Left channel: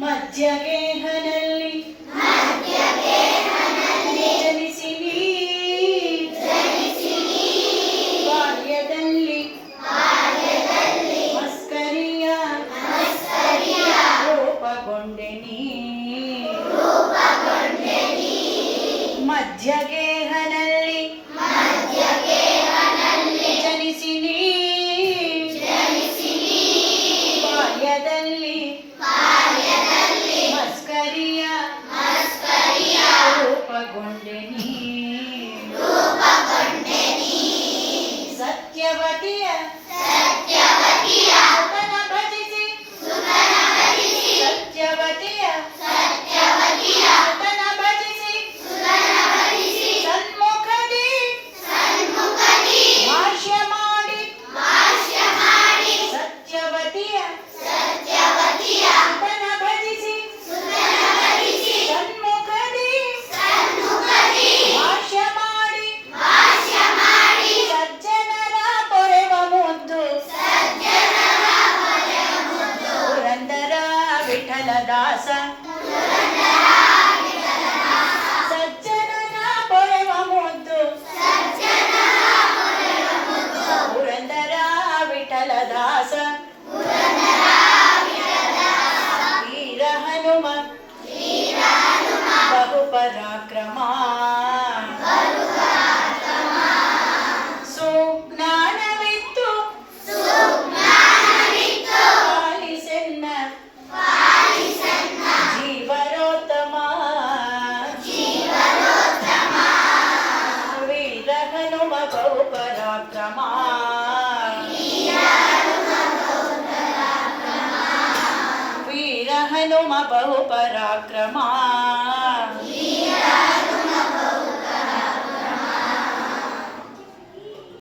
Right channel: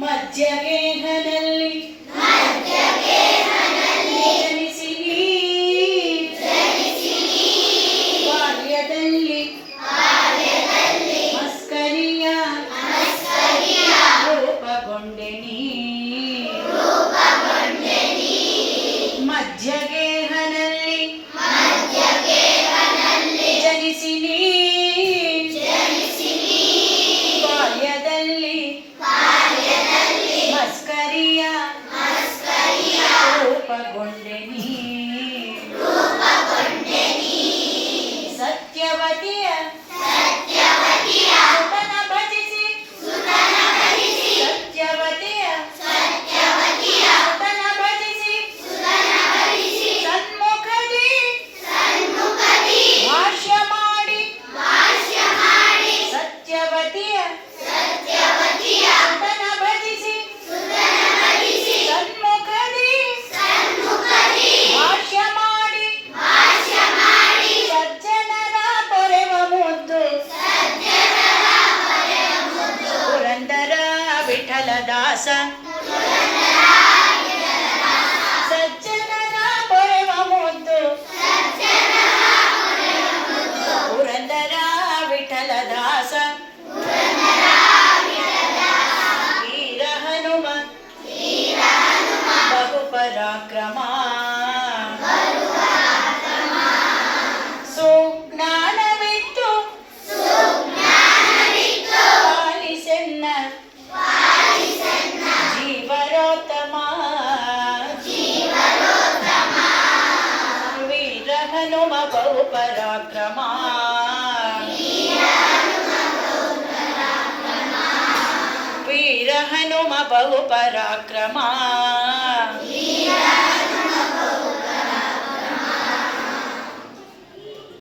ಮಧ್ಯಗೇಹನಲ್ಲಿ ಜನಿಸಿ ಬಾಲ್ಯದಲ್ಲಿ ಮಸ್ಕರಿಯ ರೂಪಗೊಂಡೆ ನೀ ಮಧ್ಯಗೇಹನಲ್ಲಿ ಜನಿಸಿ ಬಾಲ್ಯದಲ್ಲಿ ಮಸ್ಕರಿಯ ರೂಪಗೊಂಡೆ ನೀ ಸತ್ಯವತಿಯ ಸುತನ ಭಜಿಸಿ ಸತ್ಯವತಿಯ ಸುತನ ಭಜಿಸಿ ಸನ್ಮುಖದಿ ಭಾಷ್ಯ ಮಾಡಿ ಸತ್ಯವತಿಯ ಸುತನ ಭಜಿಸಿ ಸನ್ಮುಖದಿ ಭಾಷ್ಯ ಮಾಡಿ ಸಜ್ಜನರ ಪೊರೆವ ಮುದ್ದು ಪುರಂದರ ವಿಠಲದಾಸ ಸಜ್ಜನರ ಪೊರೆವ ಮುದ್ದು ಪುರಂದರ ವಿಠಲದಾಸ ವೀರ ಹನುಮ ಬಹು ಪರಾಕ್ರಮ ಸುಜ್ಞಾನವಿತ್ತು ಪಾಲಿಸೆನ್ನ ಜೀವರೋತ್ತಮ ವೀರ ಹನುಮ ಬಹು ಪರಾಕ್ರಮ ವೀರ ಹನುಮ ಬಹು ಪರಾಕ್ರಮ